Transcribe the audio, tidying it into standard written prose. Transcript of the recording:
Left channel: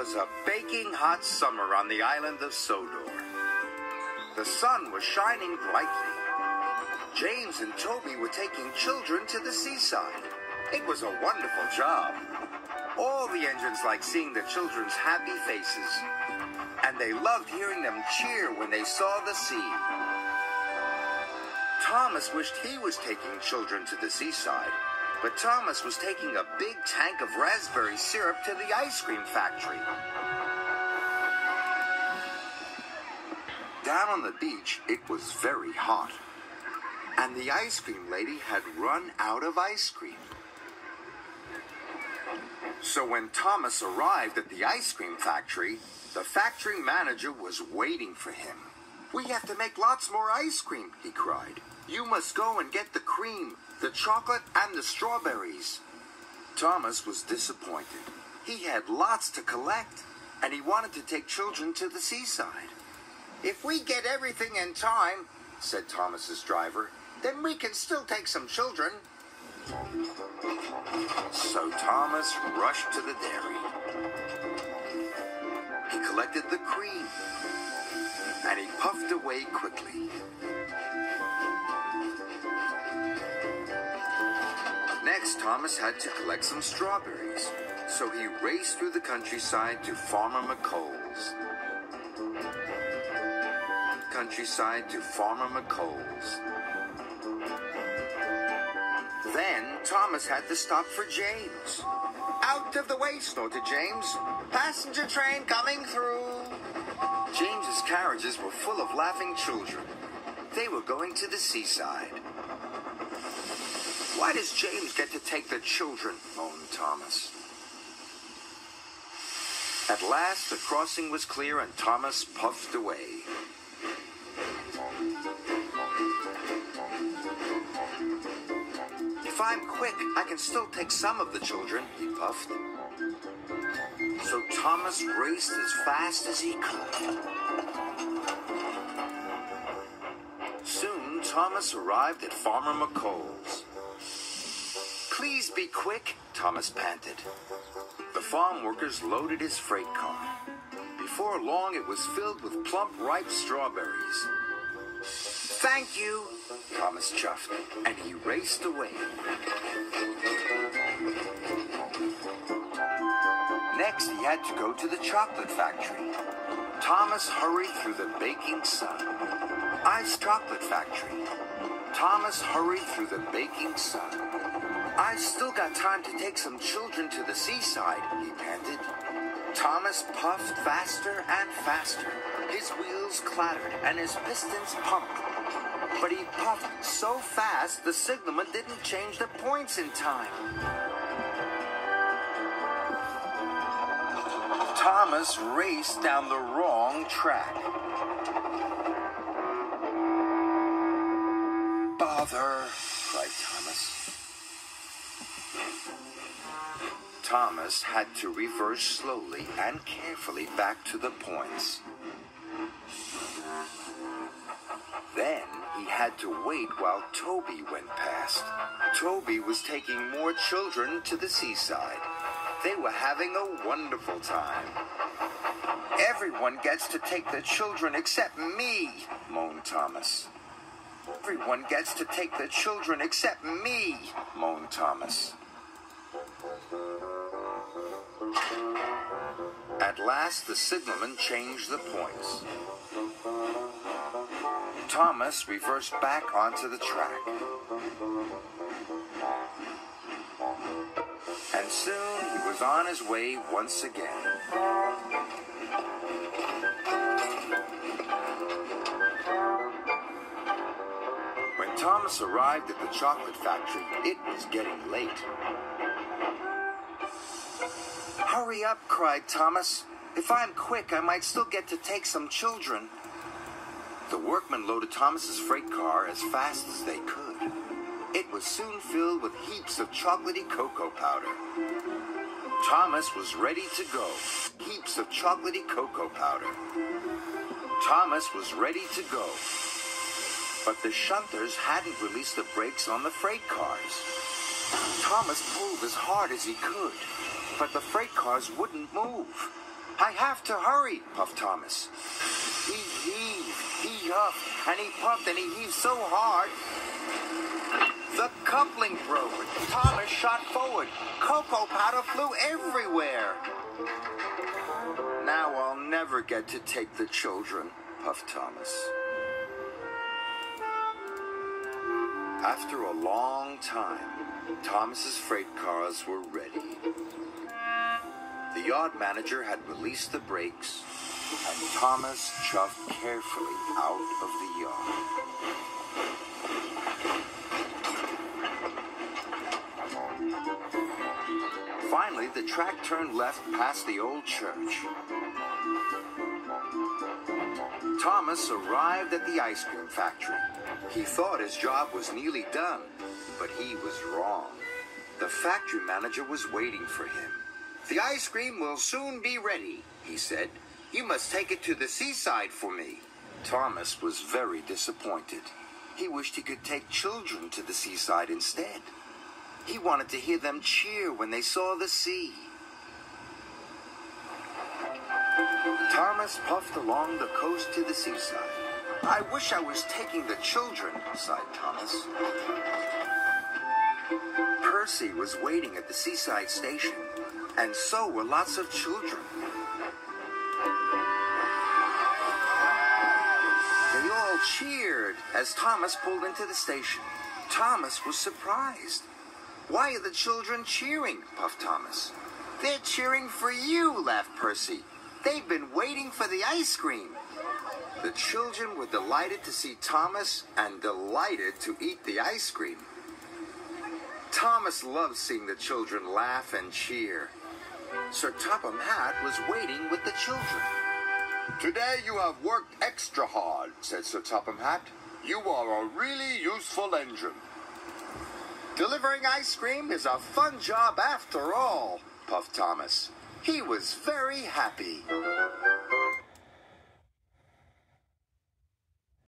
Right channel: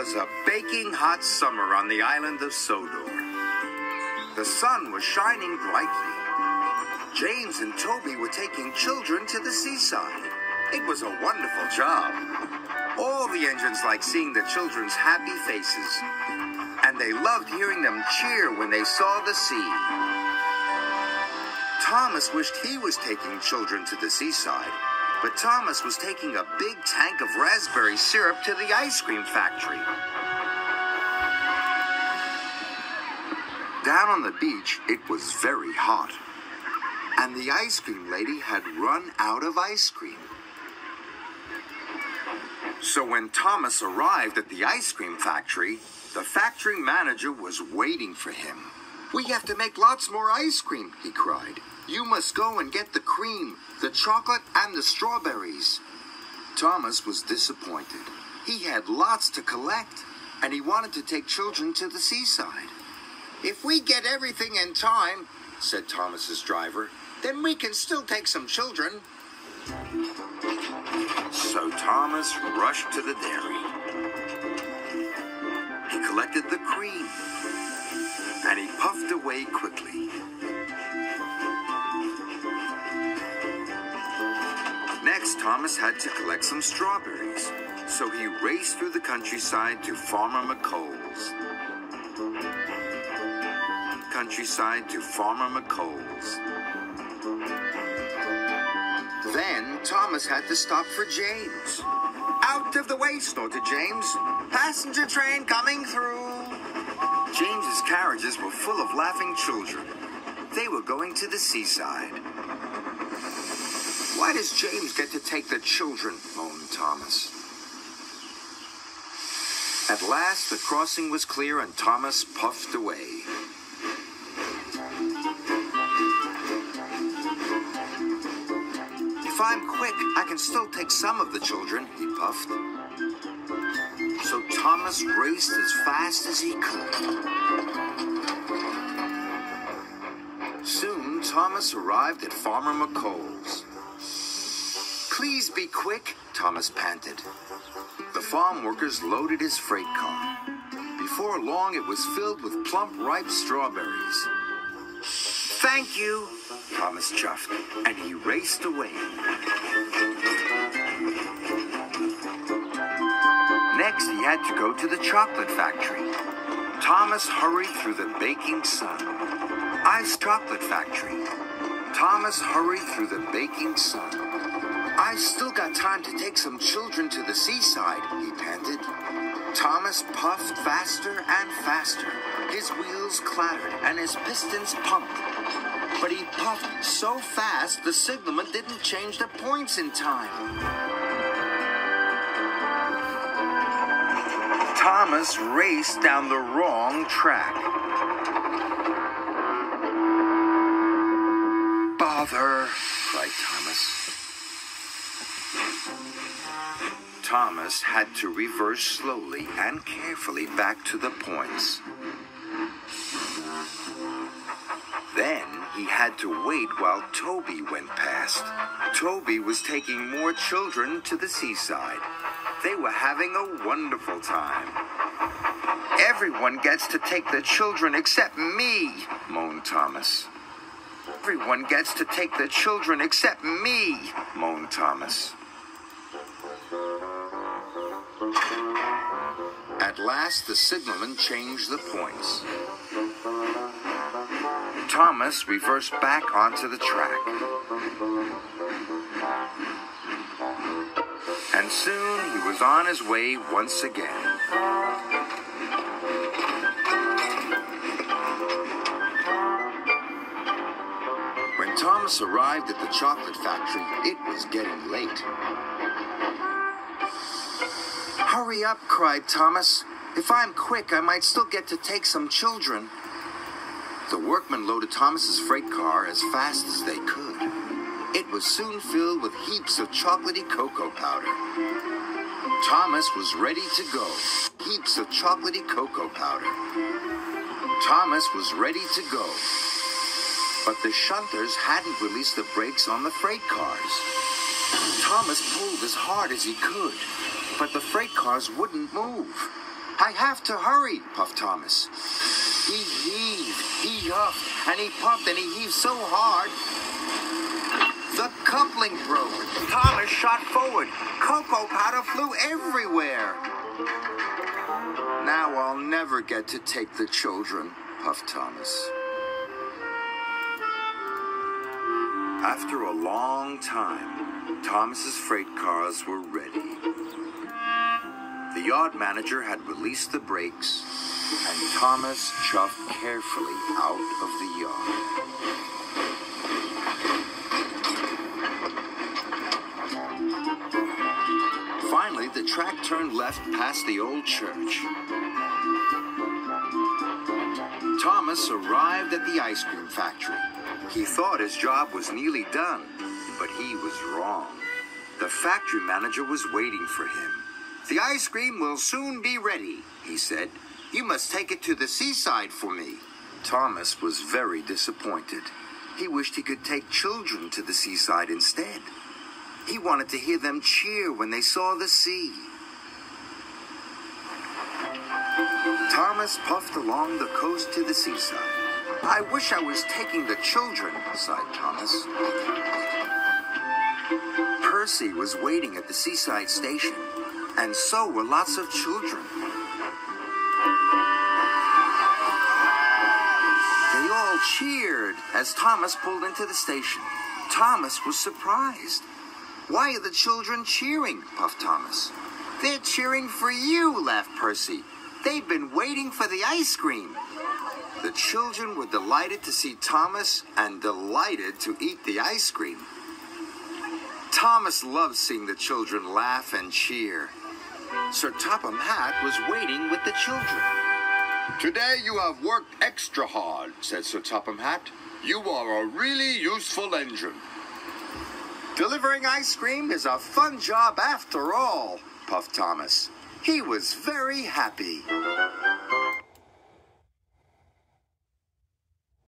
was a baking hot summer on the island of Sodor. The sun was shining brightly. James and Toby were taking children to the seaside. It was a wonderful job. All the engines liked seeing the children's happy faces, and they loved hearing them cheer when they saw the sea. Thomas wished he was taking children to the seaside, but Thomas was taking a big tank of raspberry syrup to the ice cream factory. Down on the beach, it was very hot, and the ice cream lady had run out of ice cream. So when Thomas arrived at the ice cream factory, the factory manager was waiting for him. "We have to make lots more ice cream," he cried. "You must go and get the cream, the chocolate, and the strawberries." Thomas was disappointed. He had lots to collect, and he wanted to take children to the seaside. "If we get everything in time," said Thomas's driver, "then we can still take some children." So Thomas rushed to the dairy. He collected the cream, and he puffed away quickly. Next, Thomas had to collect some strawberries, so he raced through the countryside to Farmer Mccoll's. Then Thomas had to stop for James. "Out of the way," snorted James. "Passenger train coming through." James's carriages were full of laughing children. They were going to the seaside. "Why does James get to take the children?" moaned Thomas. At last, the crossing was clear and Thomas puffed away. "If I'm quick, I can still take some of the children," he puffed. So Thomas raced as fast as he could. Soon, Thomas arrived at Farmer Mccoll's. "Please be quick," Thomas panted. The farm workers loaded his freight car. Before long, it was filled with plump, ripe strawberries. "Thank you," Thomas chuffed, and he raced away. Next, he had to go to the chocolate factory. Thomas hurried through the baking sun. Iced chocolate factory. Thomas hurried through the baking sun. "I've still got time to take some children to the seaside," he panted. Thomas puffed faster and faster. His wheels clattered and his pistons pumped. But he puffed so fast the signalman didn't change the points in time. Thomas raced down the wrong track. "Bother!" cried Thomas. Thomas had to reverse slowly and carefully back to the points. Then he had to wait while Toby went past. Toby was taking more children to the seaside. They were having a wonderful time. "Everyone gets to take the children except me," moaned Thomas. "Everyone gets to take the children except me," moaned Thomas. At last, the signalman changed the points. Thomas reversed back onto the track. And soon he was on his way once again. When Thomas arrived at the chocolate factory, it was getting late. "Hurry up," cried Thomas. "If I'm quick, I might still get to take some children." The workmen loaded Thomas's freight car as fast as they could. It was soon filled with heaps of chocolatey cocoa powder. Thomas was ready to go. Heaps of chocolatey cocoa powder. Thomas was ready to go. But the shunters hadn't released the brakes on the freight cars. Thomas pulled as hard as he could, but the freight cars wouldn't move. I have to hurry, puffed Thomas. He heaved, he huffed, and he puffed, and he heaved so hard. The coupling broke. Thomas shot forward. Cocoa powder flew everywhere. Now I'll never get to take the children, puffed Thomas. After a long time, Thomas's freight cars were ready. The yard manager had released the brakes, and Thomas chuffed carefully out of the yard. Finally, the track turned left past the old church. Thomas arrived at the ice cream factory. He thought his job was nearly done, but he was wrong. The factory manager was waiting for him. "The ice cream will soon be ready," he said. "You must take it to the seaside for me." Thomas was very disappointed. He wished he could take children to the seaside instead. He wanted to hear them cheer when they saw the sea. Thomas puffed along the coast to the seaside. "I wish I was taking the children," sighed Thomas. Percy was waiting at the seaside station, and so were lots of children. They all cheered as Thomas pulled into the station. Thomas was surprised. "Why are the children cheering?" puffed Thomas. "They're cheering for you," laughed Percy. "They've been waiting for the ice cream." The children were delighted to see Thomas and delighted to eat the ice cream. Thomas loved seeing the children laugh and cheer. Sir Topham Hatt was waiting with the children. "Today you have worked extra hard," said Sir Topham Hatt. "You are a really useful engine." "Delivering ice cream is a fun job after all," puffed Thomas. He was very happy.